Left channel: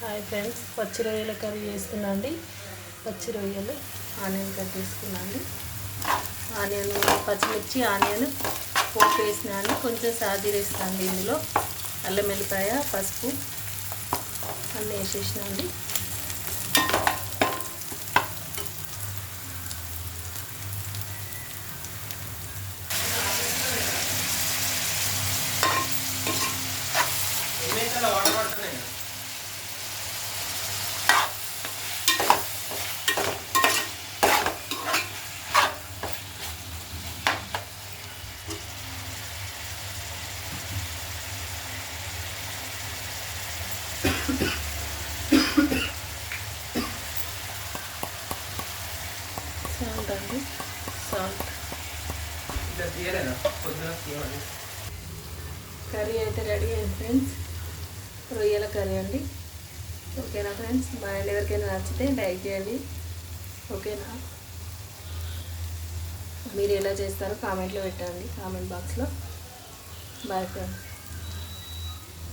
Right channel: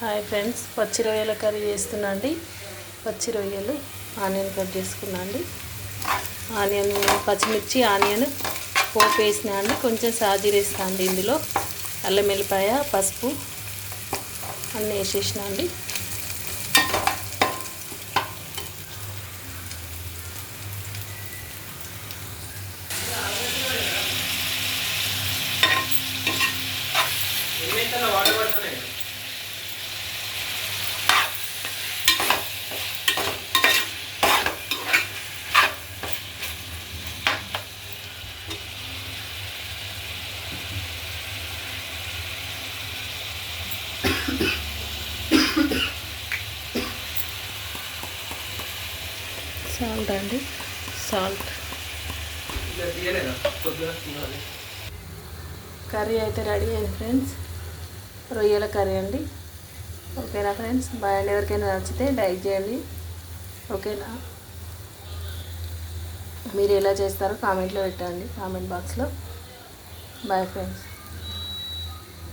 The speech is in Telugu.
హాయ్ ఫ్రెండ్స్, పచ్చి రొయ్యల కర్రీ చేస్తున్నా అండి. పచ్చి రొయ్యలు ఆనియన్ కట్ చేసుకున్నా అండి. ఆనియన్, పచ్చిమిర్చి, ఆనియన్ పోపు వేసినా అండి. కొంచెం సాజీర వేసినా అండి. ఇందులో అల్లం వెల్లిపాయ, పసుపు అన్నీ వేసేసిన అండి. సాల్ట్ అండి, సాల్ట్. కర్రీ అయితే రెడీ అయింది ఫ్రెండ్స్. రొయ్యల కర్రీ అండి. ఓకేనా ఫ్రెండ్స్? బాయ్ అండి. ఎవరికైనా నచ్చితే లైక్ చేయండి. ఓకేనా? మీరు ఎలా చేస్తారో కామెంట్లో పెట్టండి, కామెంట్ బాక్స్లో. Bye friends.